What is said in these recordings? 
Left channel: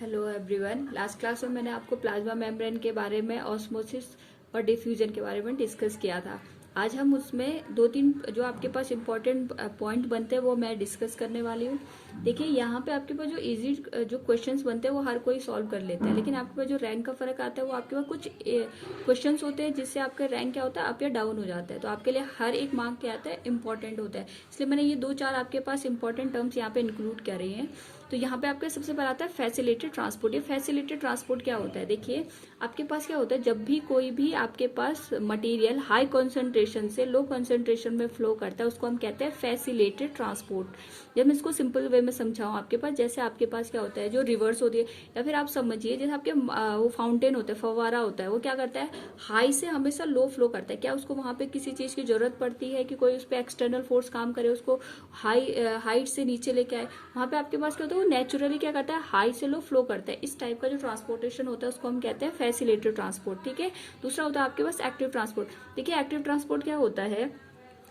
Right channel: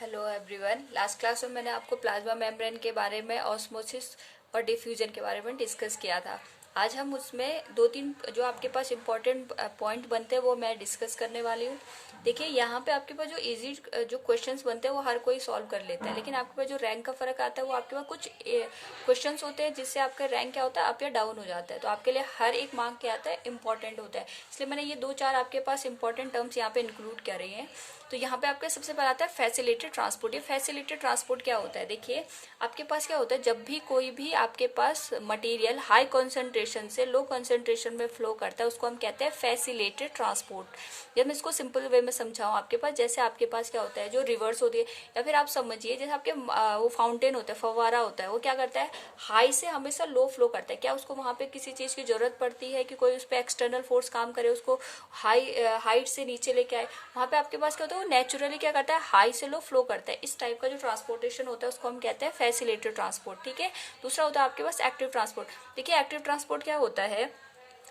Hello everyone. Last class में मैंने आपको प्लाज्मा मेम्ब्रेन के बारे में, ऑस्मोसिस और डिफ्यूजन के बारे में डिस्कस किया था। आज हम उसमें दो तीन जो आपके पास इम्पोर्टेंट पॉइंट बनते हैं वो मैं डिस्कस करने वाली हूँ। देखिए यहाँ पे आपके पास जो इजी जो क्वेश्चंस बनते हैं वो हर कोई सॉल्व कर लेता है, लेकिन आपके पास जो रैंक का फर्क आता है वो आपके पास कुछ क्वेश्चंस होते हैं जिससे आपका रैंक क्या होता है, अप या डाउन हो जाता है। तो आपके लिए हर एक मार्क क्या आता है, इंपॉर्टेंट होता है। इसलिए मैंने ये दो चार आपके पास इंपॉर्टेंट टर्म्स यहाँ पे इंक्लूड कर रही हैं। तो यहाँ पे आपके सबसे पहले आता है फैसिलिटेड ट्रांसपोर्ट। ये फैसिलिटेड ट्रांसपोर्ट क्या होता है, देखिए आपके पास क्या होता है, जब भी कोई भी आपके पास मटेरियल हाई कंसंट्रेशन से लो कंसंट्रेशन में फ्लो करता है उसको हम कहते हैं फैसिलिटेड ट्रांसपोर्ट। जब मैं इसको सिंपल वे में समझाऊं आपके पास, जैसे आपके पास क्या होता है जो रिवर्स होती है, या फिर आप समझिए जैसे आपके वो फाउंटेन होता है, फव्वारा होता है, वो क्या करता है, हाई से हमेशा लो फ्लो करता है। क्या उसको वहां पे किसी चीज की जरूरत पड़ती है कि कोई उस पर एक्सटर्नल फोर्स काम करे, उसको हाइट से नीचे लेके आए? वहां पे आपके पास क्या होता है, वो नेचुरली क्या करता है, हाई से लो फ्लो करता है। इस टाइप का जो ट्रांसपोर्टेशन होता है उसको हम कहते हैं फैसिलिटेड ट्रांसपोर्ट। ठीक है। दूसरा होता है आपके पास एक्टिव ट्रांसपोर्ट। देखिए एक्टिव ट्रांसपोर्ट क्या होता है,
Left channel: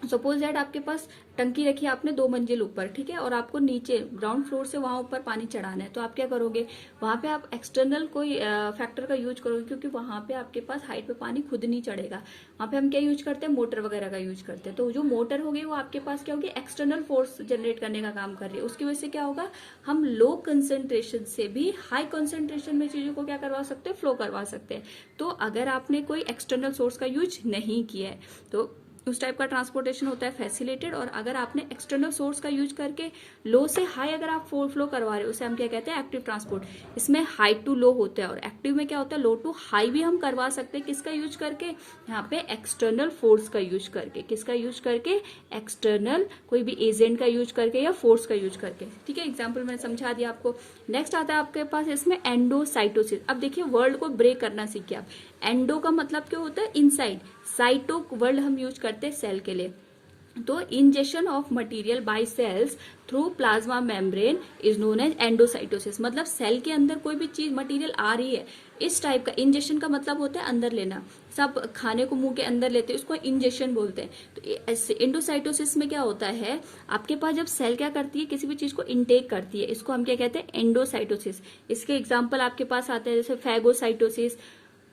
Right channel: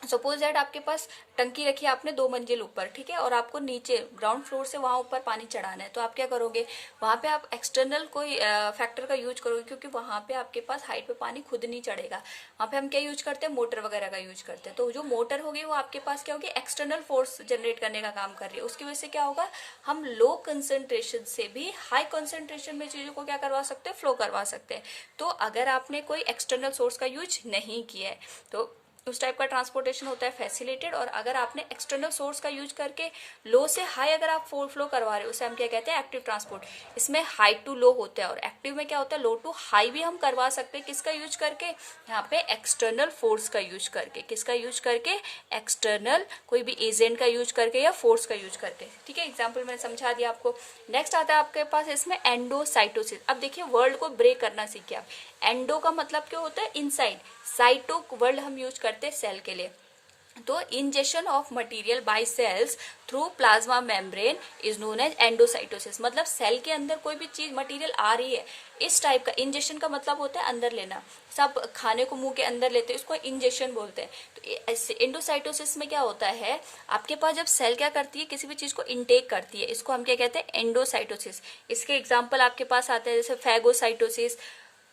सपोज दैट आपके पास टंकी रखी है आपने 2 मंजिल ऊपर, ठीक है, और आपको नीचे ग्राउंड फ्लोर से वहां ऊपर पानी चढ़ाना है। तो आप क्या करोगे, वहां पे आप एक्सटर्नल कोई फैक्टर का यूज करोगे, क्योंकि वहां पे आपके पास हाइट पे पानी खुद नहीं चढ़ेगा। वहां पे हम क्या यूज करते हैं, मोटर वगैरह का यूज करते हैं। तो जो मोटर होगी वो आपके पास क्या होगी, एक्सटर्नल फोर्स जनरेट करने का काम कर रही है। उसकी वजह से क्या होगा, हम लो कंसंट्रेशन से भी हाई कंसंट्रेशन में चीजों को क्या करवा सकते हैं, फ्लो करवा सकते हैं। तो अगर आपने कोई एक्सटर्नल सोर्स का यूज नहीं किया है तो उस टाइप का ट्रांसपोर्टेशन होता है फैसिलिटेड। और अगर आपने एक्सटर्नल सोर्स का यूज करके लो से हाई अगर आप फ्लो करवा रहे हो, उसे हम क्या कहते हैं, एक्टिव ट्रांसपोर्ट। इसमें हाई टू लो होता है, और एक्टिव में क्या होता है, लो टू हाई भी हम करवा सकते हैं। किसका यूज करके, यहाँ पे एक्सटर्नल फोर्स का यूज करके। किसका यूज करके, एक्सटर्नल कोई भी एजेंट का यूज करके या फोर्स का यूज करके। ठीक है, एग्जाम्पल मैंने समझा दिया आपको। नेक्स्ट आता है आपके पास इसमें एंडोसाइटोसिस। अब देखिए वर्ड को ब्रेक करना सीखिए आप। एंडो का मतलब क्या होता है, इनसाइड। साइटो वर्ड हम यूज करते हैं सेल के लिए। तो injection of material by cells through plasma membrane is known as endocytosis. मतलब सेल के अंदर कोई भी चीज मटेरियल आ रही है, इस टाइप का। इंजेक्शन का मतलब होता है अंदर लेना। सब खाने को मुंह के अंदर लेते हैं, इसको इंजेक्शन बोलते हैं। तो एंडोसाइटोसिस में क्या होता है, आपके पास जब सेल क्या करती है, किसी भी चीज को इनटेक करती है, इसको हम क्या कहते हैं, एंडोसाइटोसिस। इसके एग्जाम्पल आपके पास आते हैं जैसे फैगोसाइटोसिस,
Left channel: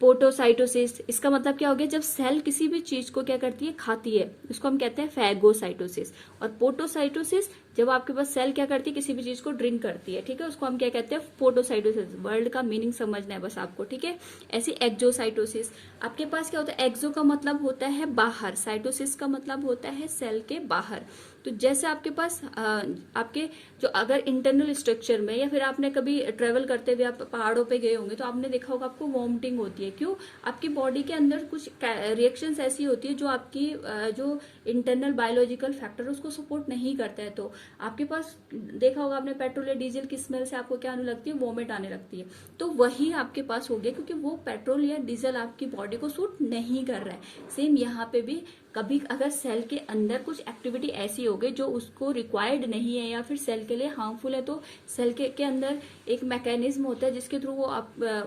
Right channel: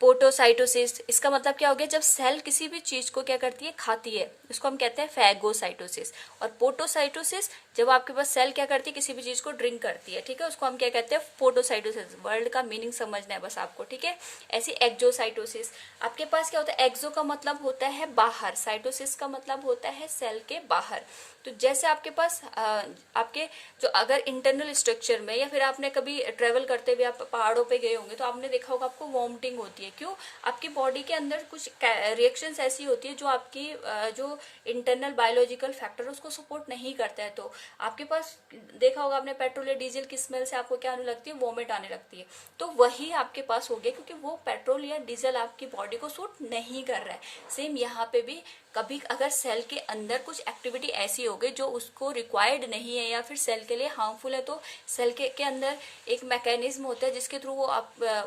पोटोसाइटोसिस। इसका मतलब क्या हो गया, जब सेल किसी भी चीज को क्या करती है, खाती है, उसको हम कहते हैं फैगोसाइटोसिस। और पोटोसाइटोसिस जब आपके पास सेल क्या करती है, किसी भी चीज को ड्रिंक करती है, ठीक है, उसको हम क्या कहते हैं, पोटोसाइटोसिस। वर्ड का मीनिंग समझना है बस आपको, ठीक है। ऐसी एक्जोसाइटोसिस आपके पास क्या होता है, एक्जो का मतलब होता है बाहर, साइटोसिस का मतलब होता है सेल के बाहर। तो जैसे आपके पास आपके जो अगर इंटरनल स्ट्रक्चर में, या फिर आपने कभी ट्रेवल करते हुए आप पहाड़ों पे गए होंगे तो आपने देखा होगा आपको वॉमिटिंग होती है। क्यों, आपकी बॉडी के अंदर कुछ रिएक्शंस ऐसी होती है जो आपकी जो इंटरनल बायोलॉजिकल फैक्टर उसको सपोर्ट नहीं करता है। तो आपके पास देखा होगा आपने, पेट्रोल या डीजल की स्मेल से आपको क्या आने लगती है, वॉमिट आने लगती है। तो वही आपके पास हो गया, क्योंकि वो पेट्रोल या डीजल आपकी बॉडी को सूट नहीं कर रहा है। सेम यहाँ पे भी कभी अगर सेल के अंदर कुछ एक्टिविटी ऐसी हो गई जो उसको रिक्वायर्ड नहीं है या फिर सेल के लिए हार्मफुल है, तो सेल के अंदर एक मैकेनिज्म होता है जिसके थ्रू वो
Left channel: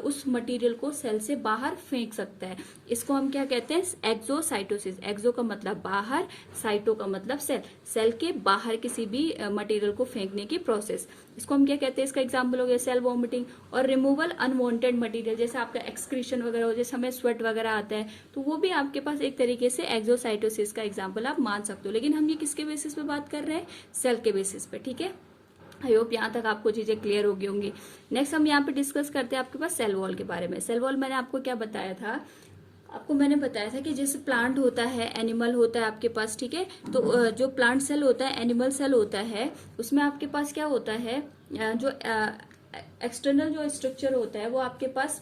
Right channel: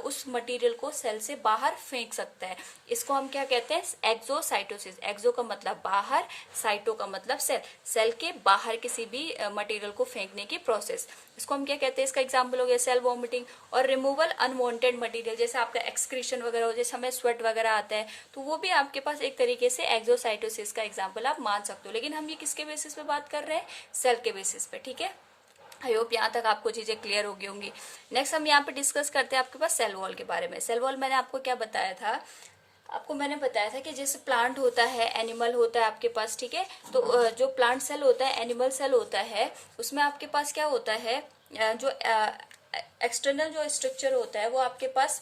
उस मटेरियल को सेल से बाहर फेंक सकता है। इसको हम क्या कहते हैं, एक्सोसाइटोसिस। एक्सो का मतलब बाहर, साइटो का मतलब सेल। सेल के बाहर किसी भी मटेरियल को फेंकने की प्रोसेस, इसको हम क्या कहते हैं, इसका एग्जाम्पल हो गया सेल वॉमिटिंग। और रिमूवल अनवांटेड मटेरियल, जैसे आपका एक्सक्रीशन वगैरह हो, जैसे हमें स्वेट वगैरह आता है, तो वो भी आपके पास एक तरीके से एक्सोसाइटोसिस का एग्जाम्पल आप मान सकते हो। लेकिन हम ये किसके बेसिस पे बात कर रहे हैं, सेल के बेसिस पे। ठीक है, आई होप यहाँ तक आपको चीजें क्लियर हो गई होंगी। नेक्स्ट हम यहाँ पे डिस्कस करते हैं आपके पास सेल वॉल के बारे में। सेल वॉल मैंने आपको क्या बताया था, आपको मैंने बताया था कि जैसे प्लांट होता है, एनिमल होता है आपके पास, ठीक है। तो जो प्लांट सेल होता है, एनिमल सेल होता है, उसमें आपके पास क्या होता है, जो एक्सटर्नल जो स्ट्रक्चर होता है वो आपके पास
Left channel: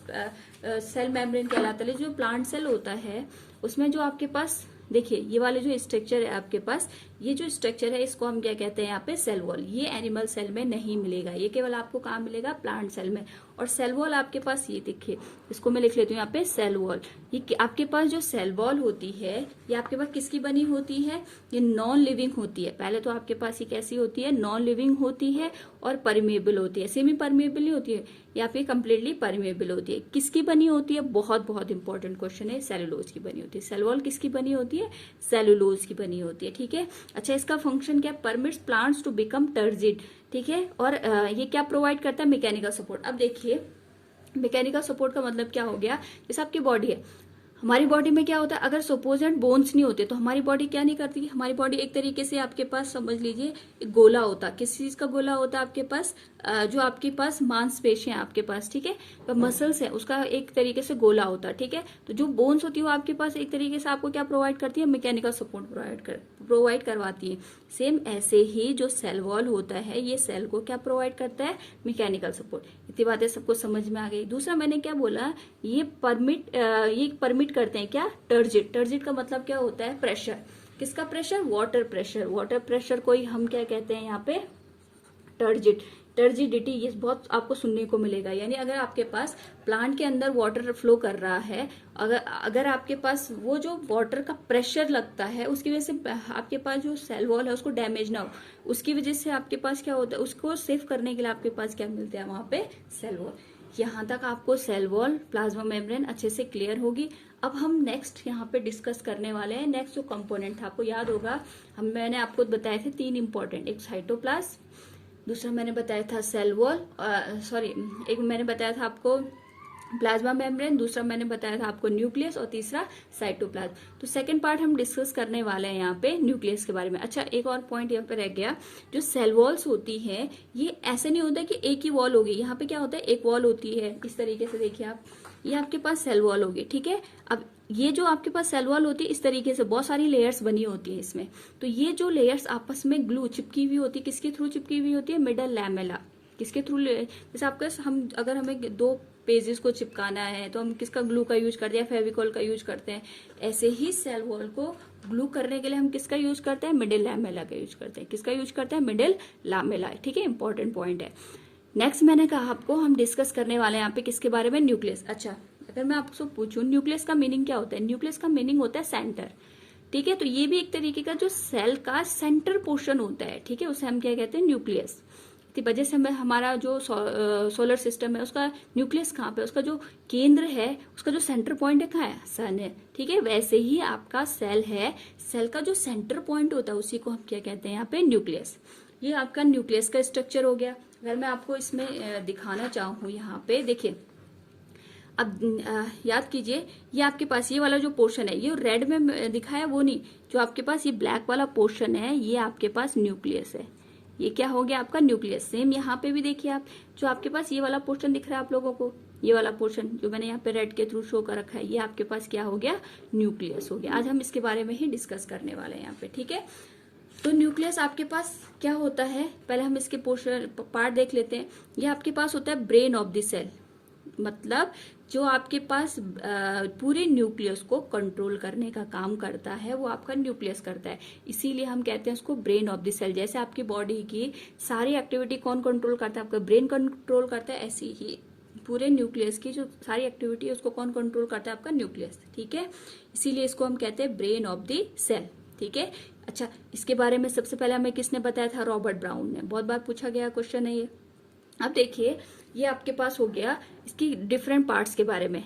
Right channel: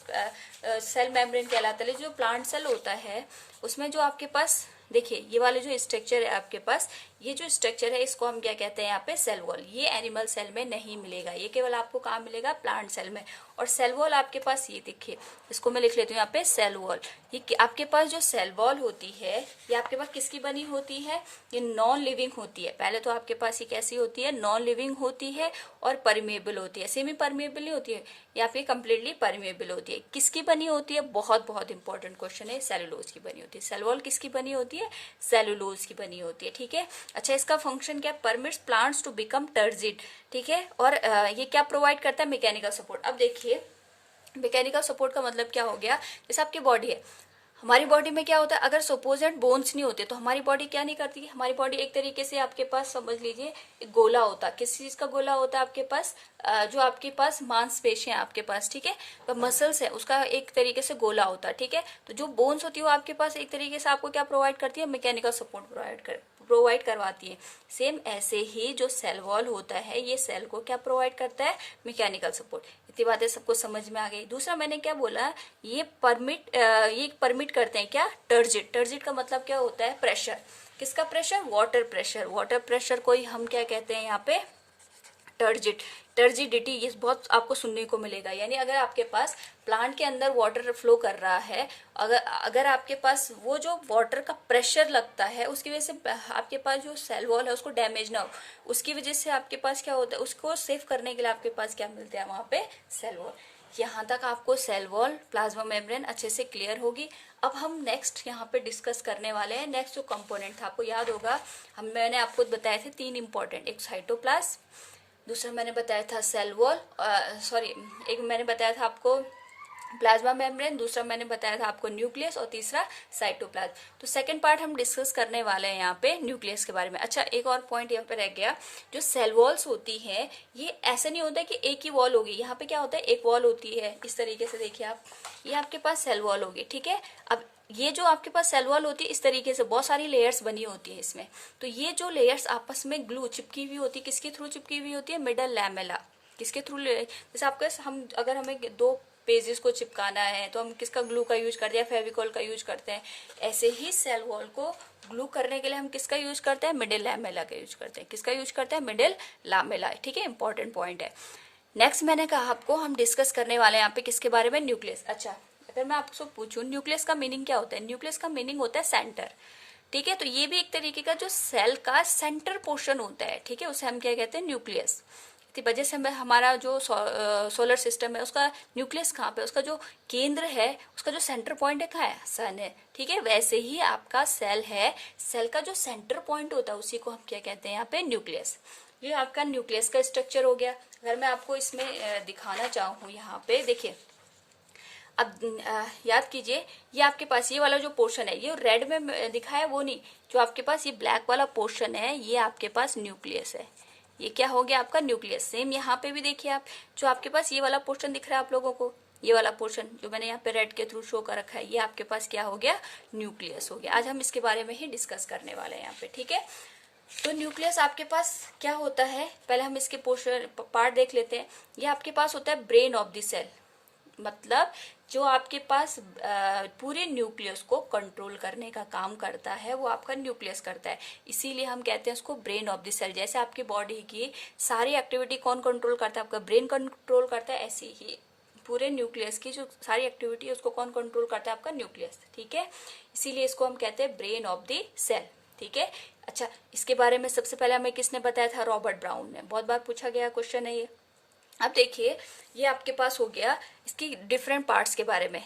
सेल मेम्ब्रेन कहलाता है। जो प्लांट सेल होता है उसमें जो आपके पास देखिए ये वाले जो स्ट्रक्चर है आपके पास, ये जो स्ट्रक्चर है इसको हम क्या कहते हैं यहाँ पे, सेल वॉल। ये एनिमल सेल में नहीं मिलेगा, ये केवल आपको कहाँ मिलेगा, प्लांट सेल में। और सेल वॉल आपके पास ये देखिए, इसको मैं लिख लेती हूँ यहाँ पे, सेल वॉल। ये आपके पास जो सेल वॉल होती है ये आपके पास किसकी बनी होती है, ये नॉन लिविंग होती है। पहले तो आपके पास ये कैसी होती है, नॉन लिविंग होती है और परमेबल होती है। सेमी परमेबल नहीं होती है, या फिर कंप्लीटली परमेबल होती है। किसकी बनी होती है, बहुत बहुत इंपॉर्टेंट क्वेश्चन है, सेलुलोज की बनी होती है। सेल वॉल किसकी बनी होती है, सेलुलोज की बनी होती है। ठीक है, अच्छा, इसका फंक्शन क्या है? Permits plants to become turgid, ठीक है। और ये क्या प्रोवाइड करता है? Mechanical support. अब देखिए मैकेनिकल सपोर्ट का मतलब क्या हो गया? जैसे आपकी बॉडी है, हमारी बॉडी में क्या होता है, अगर सपोज एंड बोन्स नहीं होते तो हमारी बॉडी क्या नहीं करती? हमारी बॉडी एक तरीके से आपके पास समझ लीजिए एक गोला होता। किस चीज का गोला होता है आपके पास? जो आपके पास मांसपेशियां आपके पास, ठीक है, तो मसल्स है, उसका एक तरीके से गोला होता है, ठीक है। तो जो बोन्स होती है वो आपके पास एक तरीके से आपको क्या प्रोवाइड करती है? मैकेनिकल सपोर्ट प्रोवाइड करवाती है। सेम ऐसे ही जो सेल वॉल होता है, ये सेल को क्या प्रोवाइड करता है? Mechanical support. इतनी बातें सबको समझ में आ गई। दूसरा मैंने क्या बोला, ये परमिट करते हैं क्या? टर्जिट। टर्जिट का मतलब क्या होता है? प्रेशर। किसका pressure? Water pressure. Water pressure को ही हम क्या कहते हैं यहाँ पे? टर्जिट। टर्जिडिटी, ये बहुत आपको सुनने को मिलेगा। यानी अगर आपके पास प्लांट के अंदर वाटर फ्लो कर रहा है, अगर आपके पास वो जो वाटर का प्रेशर लगता है उसकी वजह से आपके पास जो सेल वॉल है उसको डैमेज ना हो, उसकी वजह से आपके पास क्या होता है? उसको सेव करने के लिए आपके पास क्या मिलता है? वहां पे सेल वॉल। यहाँ तक आपको सेल वॉल, प्लाज्मा मेम्ब्रेन अच्छे से क्लियर होगी। अब हम नेक्स्ट यहाँ पे डिस्कस करने वाले हैं नेक्स्ट जो कंपोनेंट था। आपको याद होगा मैंने आपको बताए थे 3 इंपॉर्टेंट, एक साइटोप्लाज्म, दूसरा मैंने बताया था सेल वॉल, एक मैंने बताया था आपको प्लाज्मा मेम्ब्रेन, दूसरा मैंने बताया था आपको न्यूक्लियस, और तीसरा साइटोप्लाज्म। तो सेकंड पार्ट हम डिस्कस करने वाले हैं यहाँ पे न्यूक्लियस के बारे में। अच्छा, एक और पॉइंट यहाँ पे रह गया, जो सेल वॉल्स होती हैं ये ऐसे नहीं होता कि एक ही वॉल होगी। यहाँ पे क्या होता है? एक वॉल होती है, इस तरीके से देखिए आप, ये आपके पास सेल वॉल होगी, ठीक है। अब ये जो आपके पास सेल वॉल होती है इस तरीके से बहुत सारी लेयर्स बनी होती है इसमें। तो ये जो लेयर्स आपस में ग्लू चिपकी हुई होती है, किसके थ्रू चिपकी हुई होती है? Middle lamella. किसके थ्रू? जैसे आपके हम अगर हमें 2 पेजेस को चिपकाना है तो हम किसका ग्लू का यूज करते हैं? फेविकॉल का यूज करते हैं। ऐसे ही सेल वॉल को ग्लू करने के लिए हम किसका यूज करते हैं? मिडिल लैमेला का यूज करते हैं। किसका यूज करते हैं? मिडिल लैमेला, ठीक है, इंपॉर्टेंट पॉइंट है। नेक्स्ट मैंने कहा आपको हम डिस्कस करने वाले हैं यहाँ पे किसके बारे में? न्यूक्लियस। अच्छा, अगर मैं आपसे पूछूं न्यूक्लियस का मीनिंग क्या होता है? न्यूक्लियस का मीनिंग होता है सेंटर, ठीक है। तो ये भी एक तरीके का जो सेल का सेंटर पोर्शन होता है, ठीक है, उसे हम क्या कहते हैं? न्यूक्लियस। इसी वजह से हमारा जो सोलर सिस्टम है उसका न्यूक्लियस कहाँ पे? उसका जो केंद्र है, उसका जो सेंटर पॉइंट है कहाँ है? सन है, ठीक है। वैसे ही आपका सेल है, सेल का जो सेंटर पॉइंट होता है उसी को हम क्या कहते हैं यहाँ पे? न्यूक्लियस। ये आपका न्यूक्लियस का स्ट्रक्चर हो गया। अगर मैं आपको इसमें दिखाना चाहूँ, यहाँ पे देखिए, अब याद कीजिए, ये आपके पास ये वाला जो पोर्शन है, ये रेड में दिखा है वो नहीं, जो आपके पास ये ब्लैक वाला पोर्शन है ये आपके पास न्यूक्लियस है। ये क्या हो गया? आपका न्यूक्लियस। सेम यहाँ पे भी देखिए आप, जो आपके पास ये वाला पोर्शन दिख रहा है आप लोगों को, ये वाला पोर्शन जो मैंने यहाँ पे रेड के थ्रू शो कर रखा है, ये आपके पास क्या हो गया? न्यूक्लियस हो गया। आज हम इसके बारे में ही डिस्कस करने वाले हैं यहाँ पे, ठीक है। तो न्यूक्लियस आपके पास क्या होता है? पहले हम इसके पोर्शन पार्ट देख लेते हैं। ये आपके पास होता है ब्रेन ऑफ द सेल, मतलब जो आपके पास पूरे न्यूक्लियस को कंट्रोल करने का काम करता है वो आपका न्यूक्लियस करता है। इसीलिए हम कहते हैं उसको ब्रेन ऑफ द सेल। जैसे आपकी बॉडी की सारी एक्टिविटी कौन कंट्रोल करता है? आपका ब्रेन कंट्रोल करता है। ऐसी ही पूरे न्यूक्लियस की जो सारी एक्टिविटी है उसको कौन कंट्रोल करता है? आपका न्यूक्लियस, ठीक है। इसीलिए इसको हम कहते हैं ब्रेन ऑफ द सेल, ठीक है। अच्छा, इसके बारे में सबसे पहले हमें किसने बताया था? रॉबर्ट ब्राउन ने। बहुत बार पूछा गया क्वेश्चन है ये। अब देखिए, ये आपके पास हो गया इसकी डिफरेंट पार्ट्स के बारे में।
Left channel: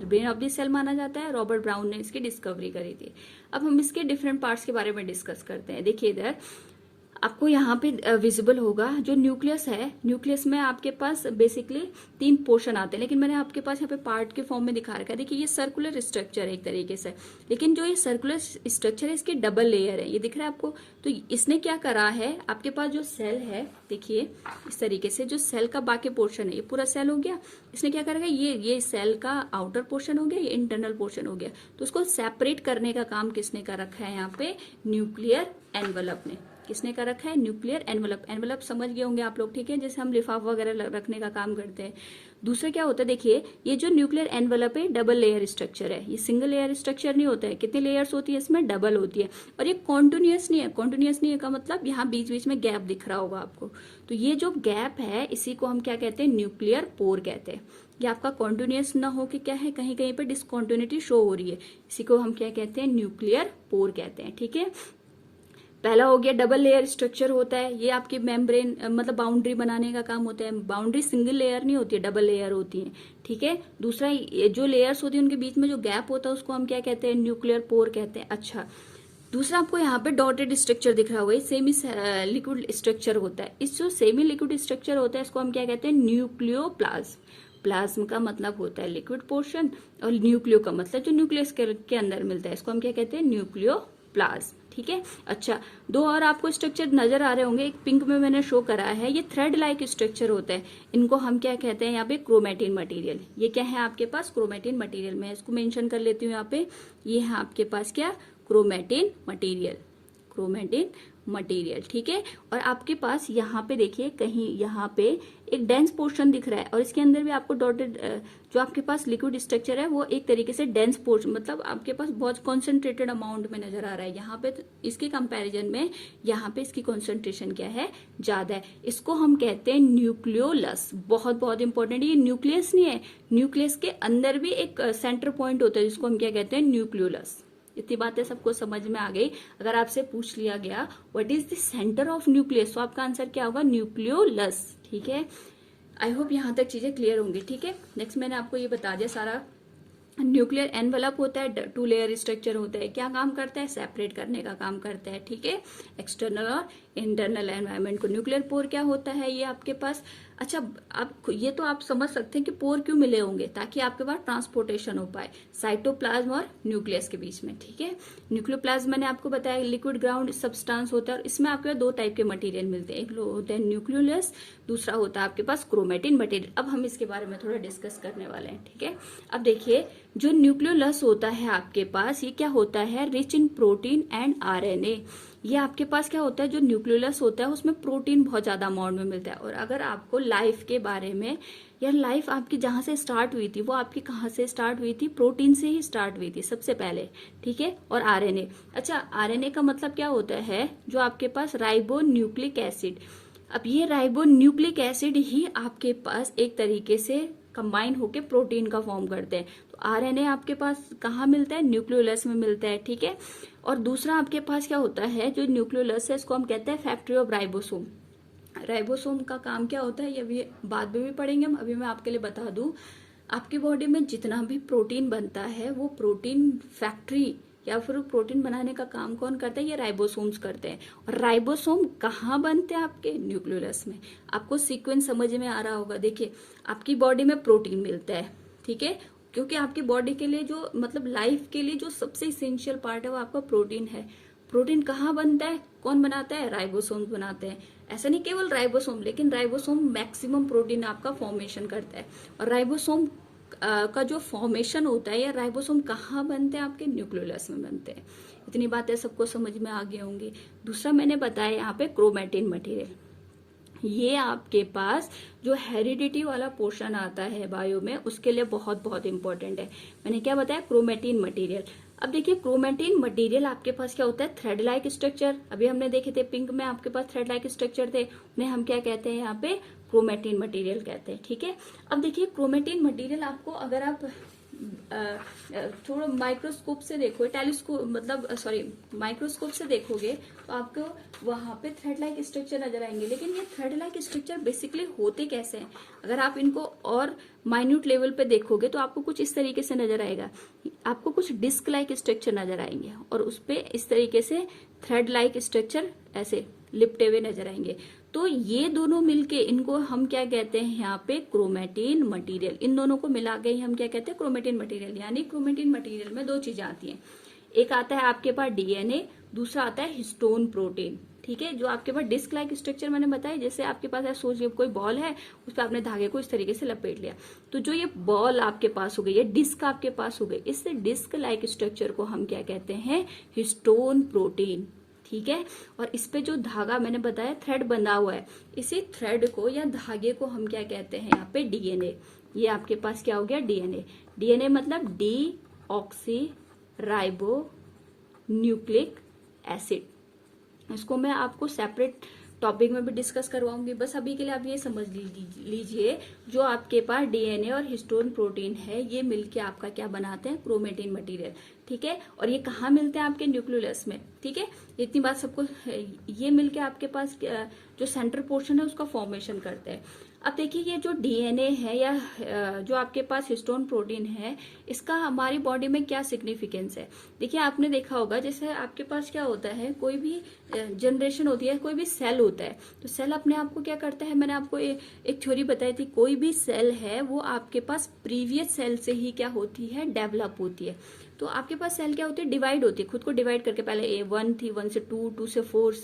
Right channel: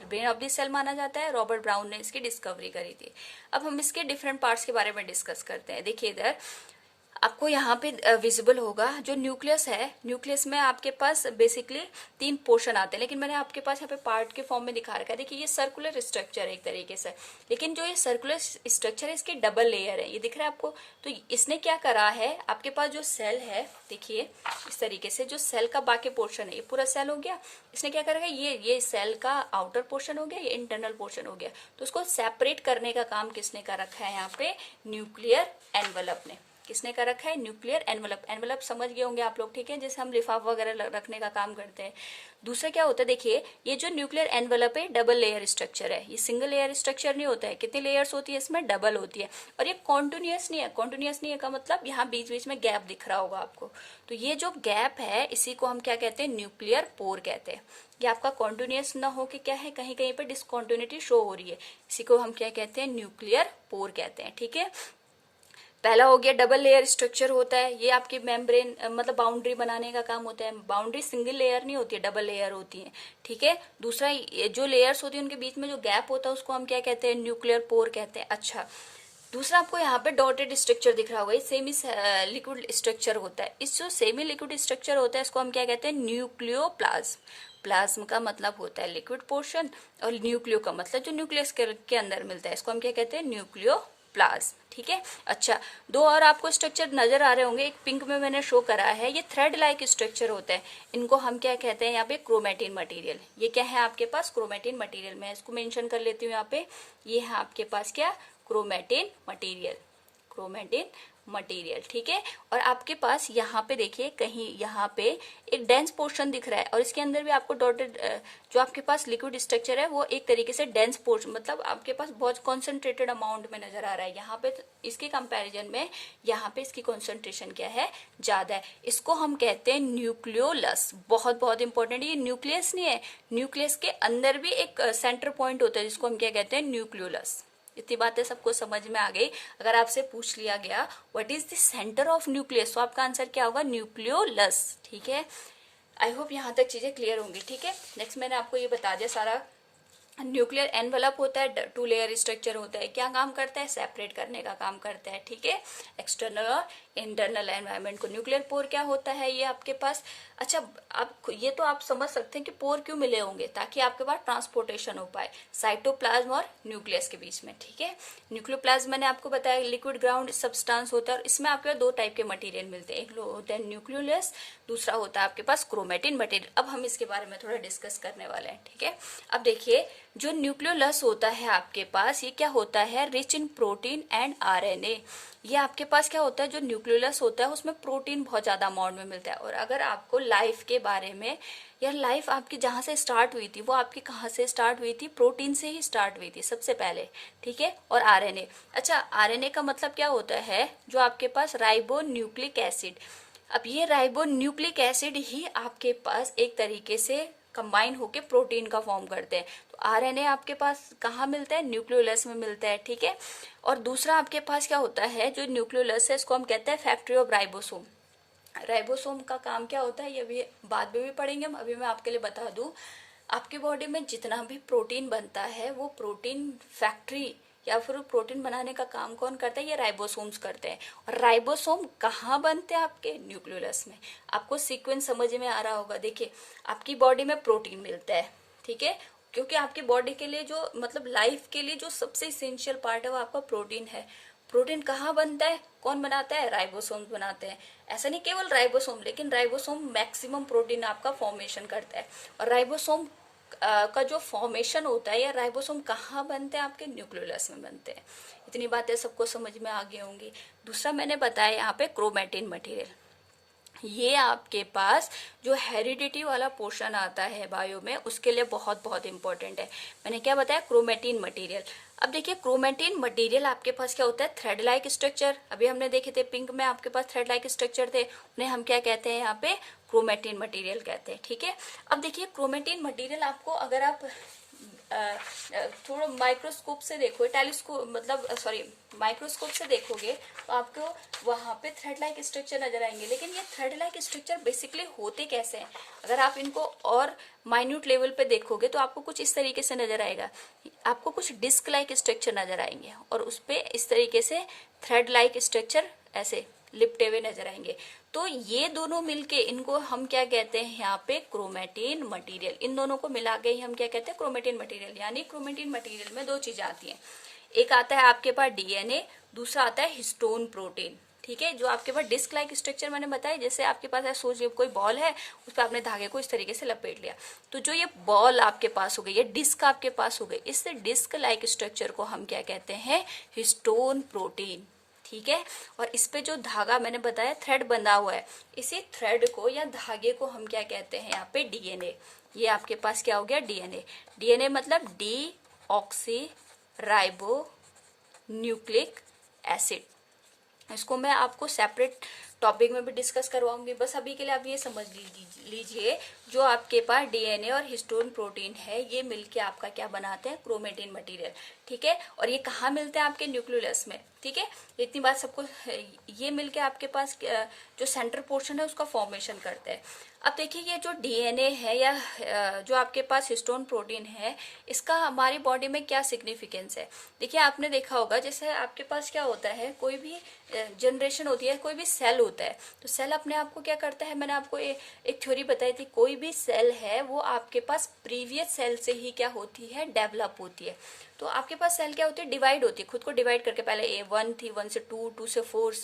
ब्रेन ऑफ द सेल माना जाता है, रॉबर्ट ब्राउन ने इसकी डिस्कवरी करी थी। अब हम इसके डिफरेंट पार्ट्स के बारे में डिस्कस करते हैं। देखिए इधर आपको यहाँ पे विजिबल होगा जो न्यूक्लियस है, न्यूक्लियस में आपके पास बेसिकली 3 पोर्शन आते हैं, लेकिन मैंने आपके पास यहाँ पे पार्ट के फॉर्म में दिखा रखा है। देखिए ये सर्कुलर स्ट्रक्चर है एक तरीके से, लेकिन जो ये सर्कुलर स्ट्रक्चर है इसकी डबल लेयर है, ये दिख रहा है आपको। तो इसने क्या करा है, आपके पास जो सेल है, देखिए इस तरीके से जो सेल का बाकी पोर्शन है, ये पूरा सेल हो गया। इसने क्या करा, ये सेल का आउटर पोर्शन हो गया, ये इंटरनल पोर्शन हो गया। तो उसको सेपरेट करने का काम किसने कर रखा है यहाँ पे? न्यूक्लियर एनवलप ने। किसने कर रखा है? Nuclear envelope. एनवलप समझ गए होंगे आप लोग, ठीक है, जैसे हम लिफाफा वगैरह रखने का काम करते हैं। दूसरा क्या होता है, देखिए ये जो न्यूक्लियर एनवलप है डबल लेयर स्ट्रक्चर है, ये सिंगल लेयर स्ट्रक्चर नहीं होता है। कितनी लेयर्स होती है इसमें? डबल होती है। और ये कॉन्टिन्यूअस नहीं है। कॉन्टिन्यूअस नहीं है का मतलब यहाँ बीच बीच में गैप दिख रहा होगा आपको। तो ये जो गैप है इसी को हम क्या कहते हैं? न्यूक्लियर पोर कहते हैं। ये आपका कॉन्टिन्यूअस ना हो कि क्या है, कहीं कहीं पर डिसकॉन्टिन्यूटी शो हो रही है, इसी को हम क्या कहते हैं? न्यूक्लियर पोर कहते हैं, ठीक है। पहला हो गया डबल लेयर स्ट्रक्चर होता है, ये आपकी मेम्ब्रेन मतलब बाउंड्री बनाने का काम होता है। बाउंड्री सिंगल लेयर नहीं होती है, डबल लेयर होती है, ठीक है। दूसरा जो लेयर्स होती है उनके बीच में जो गैप होता है उसको हम क्या कहते हैं? न्यूक्लियर पोर कहते हैं। अच्छा, दूसरा आपको यहाँ पे डॉटेड स्ट्रक्चर दिख रहा होगा, ये सेमी लिक्विड स्ट्रक्चर होता है। इस जो सेमी लिक्विड स्ट्रक्चर होता है इसको हम क्या कहते हैं, न्यूक्लियोप्लाज्म। प्लाज्म का मतलब होता है लिक्विड पोर्शन, और न्यूक्लियो का मतलब जो न्यूक्लियस के अंदर मिलता है, इसको हम क्या कहते हैं, न्यूक्लियोप्लाज्म। ठीक है। अच्छा, दो और आपको स्ट्रक्चर नजर आ रहे होंगे, एक पिंक में मैंने शो करा है, ये थ्रेड लाइक स्ट्रक्चर होता है। इनको हम क्या कहते हैं यहाँ पे, क्रोमेटिन मटेरियल। ये क्या है आपके पास, क्रोमेटिन मटेरियल। मैं इसको मेंशन कर लेती हूँ यहाँ पे, ये है आपके पास क्या, क्रोमेटिन मटेरियल, क्रोमेटिन मटेरियल। ठीक है। और आपके पास यहाँ पे देखिए, कहीं यहाँ पे एक डेंस पोर्शन दिख रहा है, और इसके अंदर भी आपको डॉटेड जो आपके पास लिक्विड स्ट्रक्चर है वो एक तरीके से डेंस पोर्शन, मतलब आपके पास बहुत कॉन्सेंट्रेटेड अमाउंट में नजर आ रहा है। यहाँ पे इसके कंपैरिजन में यहाँ पे इसकी कॉन्सेंट्रेशन क्या है, ज्यादा है। इसको हम कहते हैं न्यूक्लियोलस। बहुत बहुत इंपॉर्टेंट, ये न्यूक्लियस नहीं है, न्यूक्लियस के अंदर भी एक सेंटर पॉइंट होता है जिसको हम क्या कहते हैं, न्यूक्लियोलस। इतनी बातें सबको समझ में आ गई। अगर आपसे पूछ लिया गया what is the centre of nucleus, तो आपका आंसर क्या होगा, न्यूक्लियोलस। ठीक है। आई होप यहां तक चीजें क्लियर होंगी। ठीक है। नेक्स्ट मैंने आपको ये बता दिया सारा। न्यूक्लियर एनवेलप होता है, 2 लेयर स्ट्रक्चर होता है। क्या काम करता है, सेपरेट करने का काम करता है। ठीक है। एक्सटर्नल और इंटरनल एनवायरनमेंट को। न्यूक्लियर पोर क्या होता है, ये आपके पास, अच्छा आप ये तो आप समझ सकते हैं कि पोर क्यों मिले होंगे, ताकि आपके पास ट्रांसपोर्टेशन हो पाए साइटोप्लाज्म और न्यूक्लियस के बीच में। ठीक है। न्यूक्लियोप्लाज्म मैंने आपको बताया लिक्विड ग्राउंड सब्सटेंस होता है, और इसमें आपके 2 टाइप के मटेरियल मिलते हैं, एक होता है न्यूक्लियोलस, दूसरा होता है आपके पास क्रोमेटिन मटेरियल। अब हम इसके बारे में थोड़ा डिस्कस करने वाले हैं। ठीक है। अब देखिए, जो न्यूक्लियोलस होता है आपके पास, ये क्या होता है, rich in protein and RNA. ये आपके पास क्या होता है, जो न्यूक्लियोलस होता है उसमें प्रोटीन बहुत ज्यादा अमाउंट में मिलता है। और अगर आपको लाइफ के बारे में, या लाइफ आपकी जहां से स्टार्ट हुई थी, वो आपकी कहाँ से स्टार्ट हुई थी, प्रोटीन से ही स्टार्ट हुई थी सबसे पहले। ठीक है। और आरएनए, अच्छा आरएनए का मतलब क्या होता है, जो आपके पास राइबो न्यूक्लिक एसिड। अब ये राइबो न्यूक्लिक एसिड ही आपके पास एक तरीके से कंबाइन होके प्रोटीन का फॉर्म करते हैं। तो आरएनए आपके पास कहाँ मिलता है, न्यूक्लियोलस में मिलता है। ठीक है। और दूसरा आपके पास क्या होता है, जो न्यूक्लियोलस है इसको हम कहते हैं फैक्ट्री ऑफ राइबोसोम। राइबोसोम का काम क्या होता है, ये भी बाद में भी पढ़ेंगे हम, अभी मैं आपके लिए बता दूं। आपकी बॉडी में जितना भी प्रोटीन बनता है, वो प्रोटीन फैक्ट्री या फिर प्रोटीन बनाने का काम कौन करता है, ये राइबोसोम्स करते हैं। और राइबोसोम कहाँ बनते हैं, आपके न्यूक्लियोलस में। आपको सीक्वेंस समझ में आ रहा होगा। देखिए, आपकी बॉडी में प्रोटीन मिलता है। ठीक है। क्योंकि आपकी बॉडी के लिए जो, मतलब लाइफ के लिए जो सबसे इसेंशियल पार्ट है वो आपका प्रोटीन है। प्रोटीन कहाँ बनता है, कौन बनाता है, राइबोसोम बनाते हैं। ऐसा नहीं केवल राइबोसोम, लेकिन राइबोसोम मैक्सिमम प्रोटीन आपका फॉर्मेशन करता है। और राइबोसोम का जो फॉर्मेशन होता है, या राइबोसोम कहाँ बनते हैं, आपके न्यूक्लियोलस में बनते हैं। इतनी बातें सबको समझ में आ गई होंगी। दूसरा मैंने बताया यहाँ पे क्रोमेटिन मटेरियल। ये आपके पास जो हेरिडिटी वाला पोर्शन आता है बायो में, उसके लिए बहुत बहुत इंपॉर्टेंट है। मैंने क्या बताया, क्रोमेटिन मटेरियल। अब देखिए, क्रोमेटिन मटेरियल आपके पास क्या होता है, थ्रेड लाइक स्ट्रक्चर। अभी हमने देखे थे पिंक में आपके पास थ्रेड लाइक स्ट्रक्चर थे, उन्हें हम क्या कहते हैं यहाँ पे, क्रोमेटिन मटेरियल कहते हैं। ठीक है। अब देखिए, क्रोमेटिन मटेरियल आपको, अगर आप थोड़ा माइक्रोस्कोप से देखो, टेलीस्कोप मतलब सॉरी माइक्रोस्कोप से देखोगे, तो आपको वहां पे थ्रेड लाइक स्ट्रक्चर नजर आएंगे। लेकिन ये थ्रेड लाइक स्ट्रक्चर बेसिकली होते कैसे हैं, अगर आप इनको और माइन्यूट लेवल पे देखोगे तो आपको कुछ इस तरीके से नजर आएगा। आपको कुछ डिस्क लाइक स्ट्रक्चर नजर आएंगे, और उसपे इस तरीके से थ्रेड लाइक स्ट्रक्चर ऐसे लिपटे हुए नजर आएंगे। तो ये दोनों मिलके, इनको हम क्या कहते हैं यहाँ पे, क्रोमेटिन मटेरियल। इन दोनों को मिला के ही हम क्या कहते हैं, क्रोमेटिन मटेरियल। यानी क्रोमेटिन मटेरियल में 2 चीजें आती हैं, एक आता है आपके पास डीएनए, दूसरा आता है हिस्टोन प्रोटीन। ठीक है। जो आपके पास डिस्क लाइक स्ट्रक्चर मैंने बताया, जैसे आपके पास है, सोचिए कोई बॉल है, उस पर आपने धागे को इस तरीके से लपेट लिया, तो जो ये बॉल आपके पास हो गई, ये डिस्क आपके पास हो गई, इस डिस्क लाइक स्ट्रक्चर को हम क्या कहते हैं, हिस्टोन प्रोटीन। ठीक है। और इस पे जो धागा मैंने बताया थ्रेड बंधा हुआ है, इसी थ्रेड को या धागे को हम क्या कहते हैं यहाँ पे, डीएनए। ये आपके पास क्या हो गया, डीएनए। डीएनए मतलब D oxy ribo nucleic acid. इसको मैं आपको सेपरेट टॉपिक में भी डिस्कस करवाऊंगी। बस अभी के लिए आप ये समझ लीजिए, जो आपके पास डीएनए और हिस्टोन प्रोटीन है, ये मिलके आपका क्या बनाते हैं, क्रोमेटिन मटेरियल। ठीक है। और ये कहाँ मिलते हैं, आपके न्यूक्लियोलस में। ठीक है। इतनी बात सबको, ये मिलके आपके पास जो सेंटर पोर्शन है उसका फॉर्मेशन करते हैं। अब देखिए ये जो डीएनए है या जो आपके पास हिस्टोन प्रोटीन है, इसका हमारी बॉडी में क्या सिग्निफिकेंस है। देखिए आपने देखा होगा जैसे आपके पास क्या होता है, कोई भी जनरेशन होती है, कोई भी सेल होता है, तो सेल अपने आप को क्या करता है, मैंने आपको एक थ्योरी बताई थी, कोई भी सेल है वो आपके पास प्रीवियस सेल से ही क्या होती है, डेवलप होती है। तो आपके पास सेल क्या होती है, डिवाइड होती है, खुद को डिवाइड करके, पहले वन थी, 1 से 2, 2 से 4,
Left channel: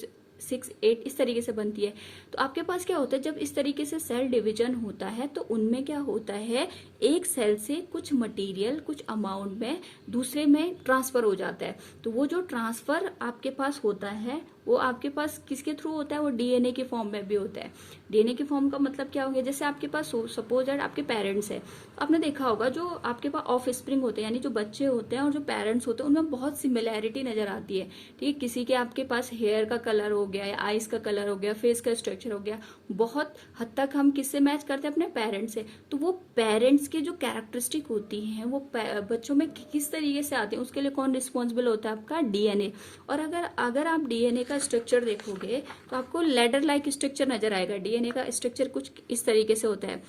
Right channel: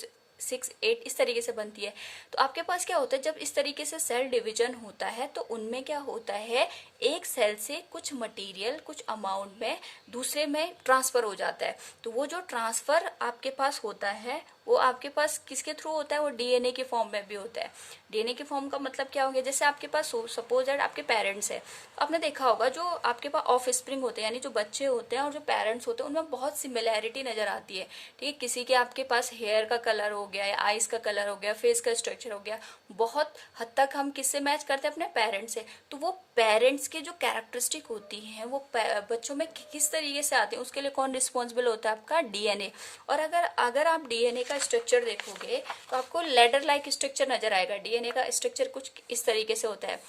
6, 8 इस तरीके से बनती है। तो आपके पास क्या होता है, जब इस तरीके से सेल डिवीजन होता है तो उनमें क्या होता है, एक सेल से कुछ मटेरियल कुछ अमाउंट में दूसरे में ट्रांसफर हो जाता है। तो वो जो ट्रांसफर आपके पास होता है वो आपके पास किसके थ्रू होता है, वो डीएनए के फॉर्म में भी होता है। डीएनए के फॉर्म का मतलब क्या होगा, जैसे आपके पास सपोज दैट आपके पेरेंट्स है, आपने देखा होगा जो आपके पास ऑफ स्प्रिंग होते हैं, यानी जो बच्चे होते हैं और जो पेरेंट्स होते हैं, उनमें बहुत सिमिलैरिटी नजर आती है। ठीक है, किसी के आपके पास हेयर का कलर हो गया या आईज का कलर हो गया, फेस का स्ट्रक्चर हो गया, बहुत हद तक हम किससे मैच करते हैं, अपने पेरेंट्स से। तो वो पेरेंट्स की जो कैरेक्टरिस्टिक होती हैं वो बच्चों में किस तरीके से आते हैं, उसके लिए कौन रिस्पॉन्सिबल होता है, आपका डीएनए। और अगर आप डीएनए का स्ट्रक्चर देखोगे तो आपको लेडर लाइक स्ट्रक्चर नजर आएगा। डीएनए का स्ट्रक्चर कुछ इस तरीके से होता है,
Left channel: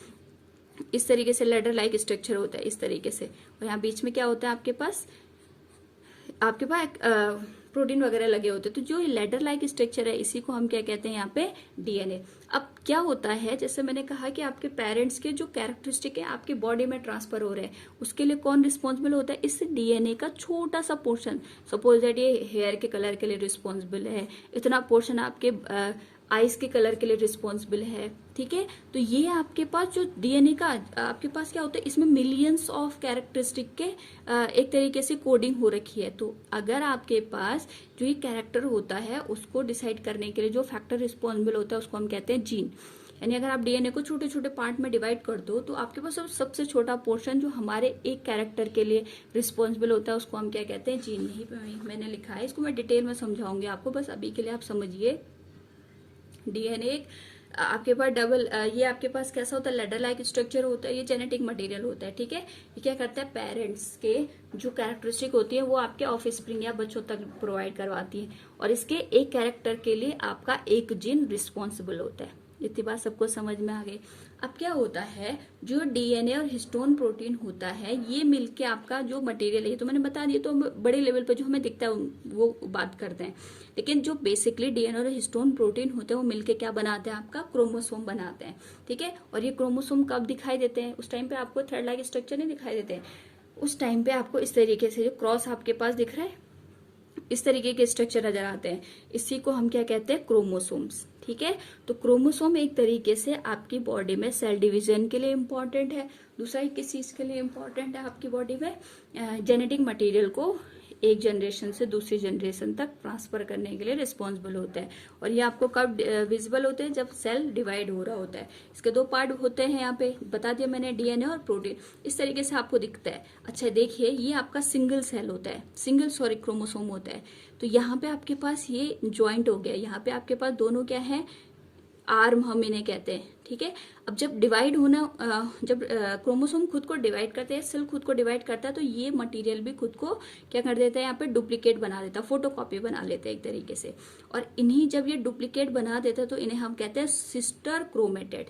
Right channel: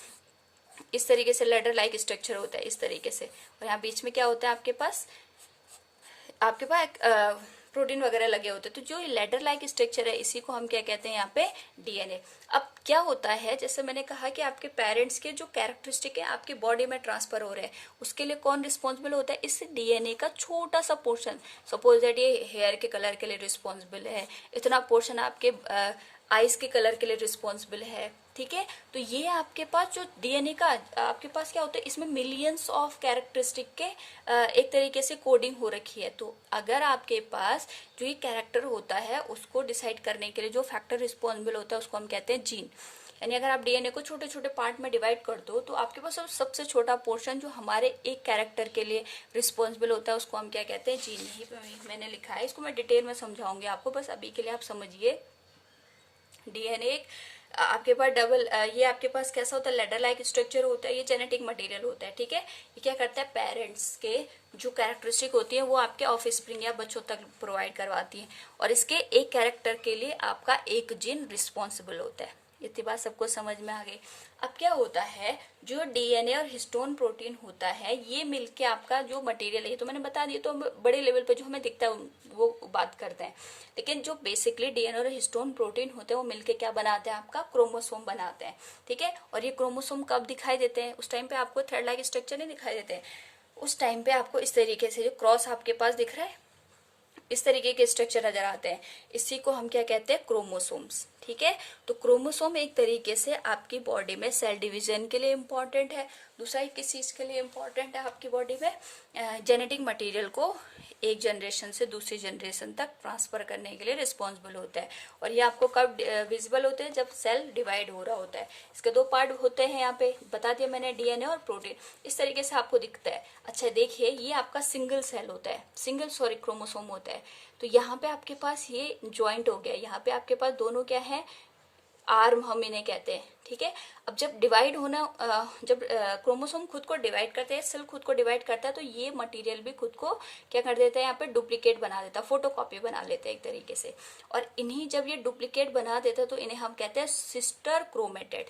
इस तरीके से लेडर लाइक स्ट्रक्चर होता है, इस तरीके से। और यहाँ बीच में क्या होता है, आपके पास प्रोटीन वगैरह लगे होते हैं। तो जो लेडर लाइक स्ट्रक्चर है इसी को हम क्या कहते हैं, यहाँ पे डीएनए। अब क्या होता है, जैसे मैंने कहा कि आपके पेरेंट्स के जो कैरेक्टरिस्टिक है आपकी बॉडी में ट्रांसफर हो रहे हैं, उसके लिए कौन रिस्पॉन्सिबल होता है, इस डीएनए का छोटा सा पोर्शन, सपोज दैट ये हेयर के कलर के लिए रिस्पॉन्सिबल है, इतना पोर्शन आपके आइज के कलर के लिए रिस्पॉन्सिबल है। ठीक है, तो ये आपके पास जो डीएनए का आपके पास क्या होता है, इसमें मिलियंस ऑफ कैरेक्टरिस्टिक के एक तरीके से कोडिंग हो रखी है। तो अगर आपके पास जो ये कैरेक्टर होता है उसको डिसाइड करने के लिए जो फैक्टर रिस्पॉन्सिबल होता है उसको हम कहते हैं जीन। यानी अगर आप डीएनए को छोटे छोटे पार्ट में डिवाइड कर दो तो आपके पास सबसे छोटा पोर्शन जो हमारे एक कैरेक्टर के लिए रिस्पॉन्सिबल होता है उसको हम क्या कहते हैं, जीन। ही मैंने लिखा है, इसको मैं डिटेल में समझाऊंगी आपको, बस अभी के लिए आप समझिए। डीएनए आपके पास ये आपके पास कैसा होता है, लेडर लाइक स्ट्रक्चर होता है, ये जेनेटिक मटेरियल होता है। ठीक है, ये क्या करता है, पेरेंट्स के जो कैरेक्टरिस्टिक होती है वो आपके ऑफ स्प्रिंग या बच्चों तक प्रोवाइड करवाती है, और इसके एक कैरेक्टर के लिए आपका एक जीन रिस्पॉन्सिबल होता है। इतनी बात सबको समझ में आ गई। अब क्या होता है, जो डीएनए और हिस्टोन प्रोटीन होता है ये मिलके आपका जो मटेरियल है, तो मैंने बता दिया, तो बड़े लेवल पे जो हमें दिखता है वो बात करते हैं। लेकिन जो बेसिकली डीएनए और हिस्टोन प्रोटीन होते हैं वो मिलके क्या बनाते हैं, आपका क्रोमोसोम बनाते हैं। ठीक है, और ये क्रोमोसोम कब दिखाई देते हैं, उस टाइम पे आपको थ्रेड लाइक स्ट्रक्चर नहीं दिखाई देते, उस टाइम पे आपको इस तरीके से जो क्रॉस आपके पास दिख रहा है, इस तरीके के स्ट्रक्चर नजर आते हैं, इसी को हम क्या कहते हैं, क्रोमोसोम्स। ठीक है, तो क्रोमोसोम एक तरीके से आपकी बॉडी में सेल डिवीजन के लिए इम्पोर्टेंट है। दूसरा किस चीज के लिए इम्पोर्टेंट है आपकी बॉडी में, जेनेटिक मटेरियल को एक जनरेशन से दूसरी जनरेशन तक ट्रांसफर करने के लिए रिस्पॉन्सिबल होता है। और ये आपको कब विजिबल होते हैं, जब सेल डिवाइड हो रहा होता है। इसके दो पार्ट होते हैं, यहाँ पे बता दिया मैंने, डीएनए और प्रोटीन। इस तरीके से आपको दिखता है। अच्छा देखिए, ये आपका सिंगल सेल होता है, क्रोमोसोम होता है। तो यहाँ पे आपके पास ये ज्वाइंट हो गया, यहाँ पे आपके पास दोनों क्या है, आर्म हम इन्हें कहते हैं। ठीक है, अब जब डिवाइड होना जब क्रोमोसोम खुद को डिवाइड करते हैं, सेल खुद को डिवाइड करता है, तो ये मटेरियल भी खुद को क्या कर देता है, यहाँ पे डुप्लीकेट बना देता है, फोटोकॉपी बना लेते हैं एक तरीके से। और इन्हीं जब ये डुप्लीकेट बना देता है तो इन्हें हम कहते हैं सिस्टर क्रोमेटेड।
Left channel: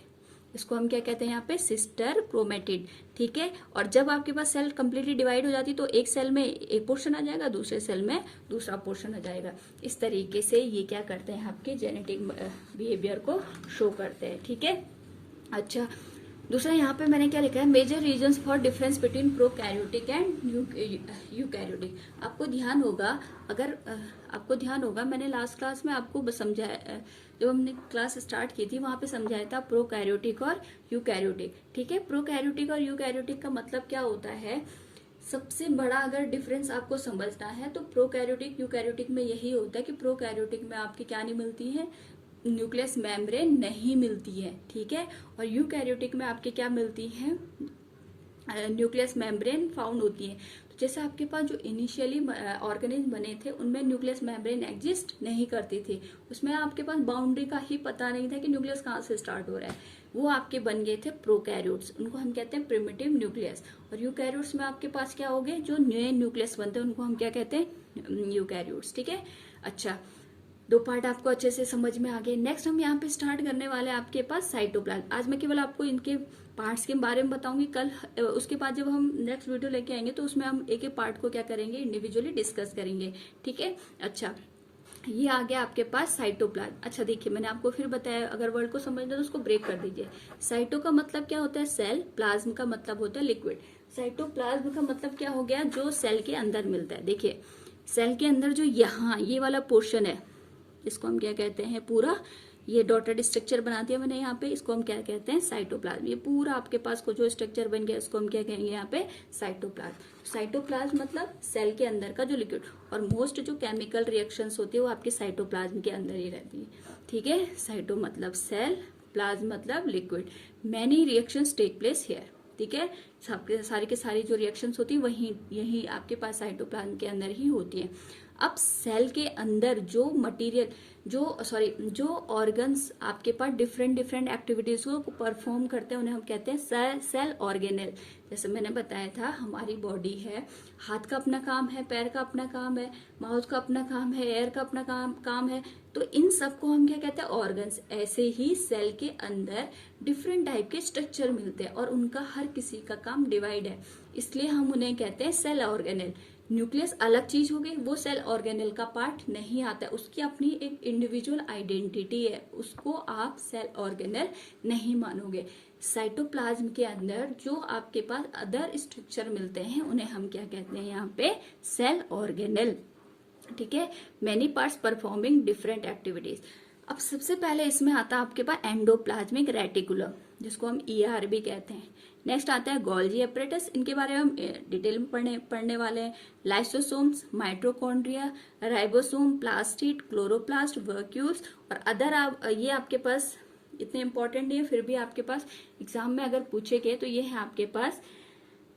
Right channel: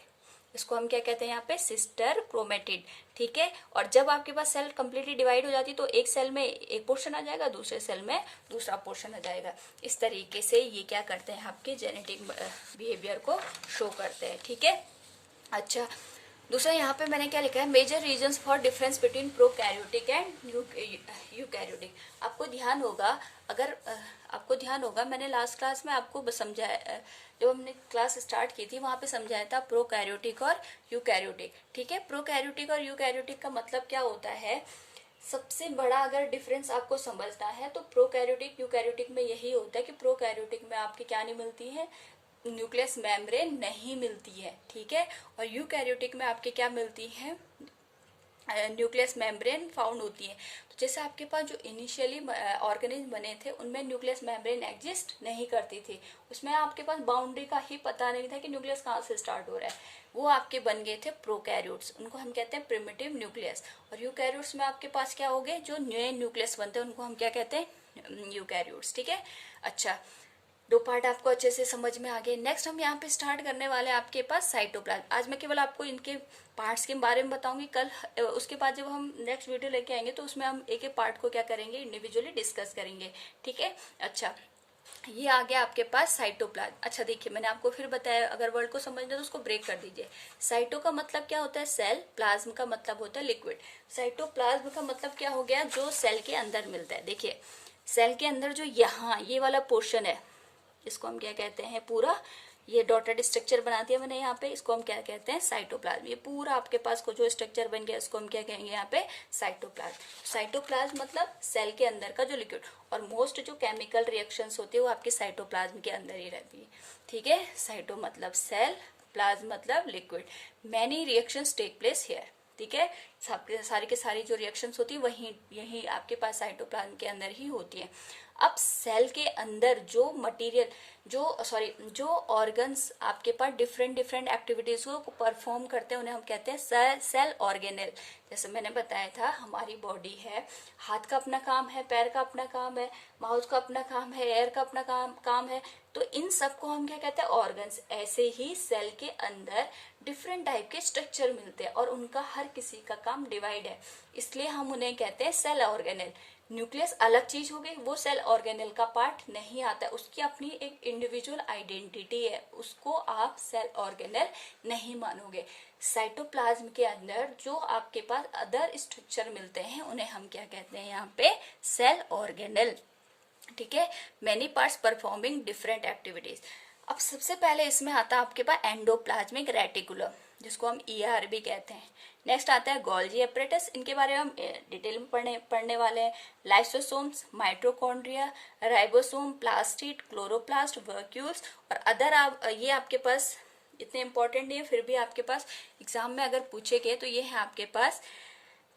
इसको हम क्या कहते हैं, यहाँ पे सिस्टर क्रोमेटिड। ठीक है, और जब आपके पास सेल कंप्लीटली डिवाइड हो जाती तो एक सेल में एक पोर्शन आ जाएगा, दूसरे सेल में दूसरा पोर्शन आ जाएगा। इस तरीके से ये क्या करते हैं, आपके जेनेटिक बिहेवियर को शो करते हैं। ठीक है, अच्छा दूसरा यहाँ पे मैंने क्या लिखा है, major reasons for difference between prokaryotic and eukaryotic. आपको ध्यान होगा मैंने लास्ट क्लास में आपको समझाया, जब हमने क्लास स्टार्ट की थी वहां पे समझाया था प्रोकैरियोटिक और यूकैरियोटिक। ठीक है, प्रोकैरियोटिक और यूकैरियोटिक का मतलब क्या होता है, सबसे बड़ा अगर डिफरेंस आपको समझना है तो प्रोकैरियोटिक यूकैरियोटिक में यही होता है कि प्रोकैरियोटिक में आपकी क्या नहीं मिलती है, न्यूक्लियस मेम्ब्रेन नहीं मिलती है। ठीक है, और यूकैरियोटिक में आपके क्या मिलती है, न्यूक्लियस मेम्ब्रेन फाउंड होती है। तो जैसे आपके पास जो इनिशियली ऑर्गेनिज्म बने थे उनमें न्यूक्लियस मेम्ब्रेन एग्जिस्ट नहीं करती थी, उसमें आपके पास बाउंड्री का ही पता नहीं था कि न्यूक्लियस कहाँ से स्टार्ट हो रहा है। वो आपके बन गए थे प्रोकैरियोट्स, उनको हम कहते हैं प्रिमिटिव न्यूक्लियस। और यूकैरियोट्स में आपके पास क्या हो गए, जो नए न्यूक्लियस बनते हैं उनको हम क्या कहते हैं, यूकैरियोट्स। ठीक है, अच्छा दो पार्ट आपको अच्छे से समझ में आ गए। नेक्स्ट हम यहाँ पे स्टार्ट करने वाले हैं आपके पास साइटोप्लाज्म। आज मैं केवल आपको इनके पार्ट्स के बारे में बताऊंगी। कल उसके बाद जब हम नेक्स्ट वीडियो लेके आएंगे तो उसमें हम एक एक पार्ट को क्या करेंगे, इंडिविजुअली डिस्कस करेंगे। ठीक है, अच्छा ये आ गया आपके पास साइटोप्लाज्म। अच्छा देखिए, मैंने आपको फिर बताया, अगर वर्ड को समझना तो उसको ब्रेक कर दीजिए। साइटो का मतलब क्या होता है, सेल। प्लाज्म का मतलब होता है लिक्विड। साइटोप्लाज्म का मतलब क्या हो गया, जो सेल के अंदर मिलता है। देखिए सेल के अंदर जो यहाँ ये वाला पोर्शन है, इसको हम क्या कहते हैं, पूरा ये डॉटेड स्ट्रक्चर बना दिया मैंने यहाँ पे, इसको हम क्या कहते हैं, साइटोप्लाज्म। ये पूरा आपके पास को जो स्ट्रक्चर बन गया इसको हम क्या कहेंगे यहाँ पे, साइटोप्लाज्म। साइटोप्लाज्म मतलब सेल के अंदर का जो लिक्विड, और मोस्ट जो केमिकल रिएक्शंस होती है वो आपकी साइटोप्लाज्म के अंदर ही रहती है। ठीक है, साइटो मतलब सेल, प्लाज्म मतलब liquid. Many reactions take place here. ठीक है, सारी के सारी जो रिएक्शंस होती है वही यही आपके पास साइटोप्लाज्म के अंदर ही होती है। अब सेल के अंदर जो मटेरियल, जो ऑर्गन्स आपके पास डिफरेंट डिफरेंट एक्टिविटीज को परफॉर्म करते हैं उन्हें हम कहते हैं सेल ऑर्गेनेल। जैसे मैंने बताया था, हमारी बॉडी है, हाथ का अपना काम है, पैर का अपना काम है, माउथ का अपना काम है, एयर का अपना काम है, तो इन सबको हम क्या कहते हैं, ऑर्गन्स। ऐसे ही सेल के अंदर डिफरेंट टाइप के स्ट्रक्चर मिलते हैं और उनका हर किसी का काम डिवाइड है, इसलिए हम उन्हें कहते हैं सेल ऑर्गेनेल। न्यूक्लियस अलग चीज हो गई, वो सेल ऑर्गेनेल का पार्ट नहीं आता है, उसकी अपनी एक इंडिविजुअल आइडेंटिटी है, उसको आप सेल ऑर्गेनेल नहीं मानोगे। साइटोप्लाज्म के अंदर जो आपके पास अदर स्ट्रक्चर मिलते हैं उन्हें हम क्या कहते हैं यहाँ पे, सेल ऑर्गेनेल। ठीक है, many parts performing different activities. अब सबसे पहले इसमें आता है आपके पास एंडोप्लाज्मिक रेटिकुलम, जिसको हम ER भी कहते हैं। नेक्स्ट आता है गोल्जी एपरेटस, इनके बारे में हम डिटेल में पढ़ने वाले हैं। Lysosomes, mitochondria, ribosome, plastid, chloroplast, vacuoles और अदर। ये आपके पास इतने इंपॉर्टेंट नहीं है, फिर भी आपके पास एग्जाम में अगर पूछे गए तो ये है आपके पास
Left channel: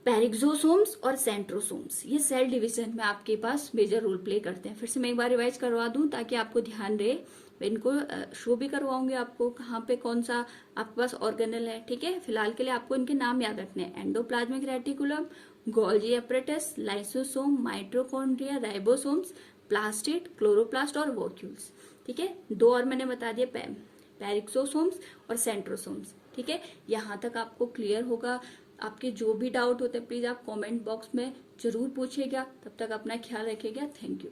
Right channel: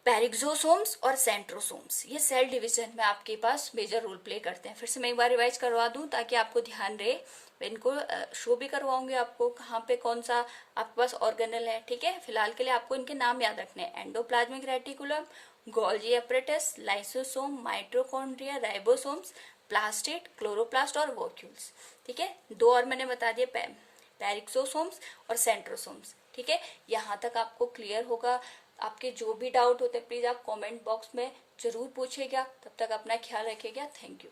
पेरिक्सोसोम्स और सेंट्रोसोम्स। ये सेल डिवीजन में आपके पास मेजर रोल प्ले करते हैं। फिर से मैं एक बार रिवाइज करवा दूं ताकि आपको ध्यान रहे। मैं इनको शो भी करवाऊंगी आपको कहाँ पे कौन सा आपके पास ऑर्गेनल है। ठीक है, फिलहाल के लिए आपको इनके नाम याद रखने हैं, endoplasmic reticulum, Golgi apparatus, lysosome, mitochondria, ribosomes, plastid, chloroplast और वॉक्यूल्स। ठीक है, दो और मैंने बता दिए, पेरिक्सोसोम्स और सेंट्रोसोम्स। ठीक है, यहाँ तक आपको क्लियर होगा। आपके जो भी डाउट होते हैं प्लीज आप कमेंट बॉक्स में जरूर पूछिएगा। तब तक अपना ख्याल रखिएगा। Thank you.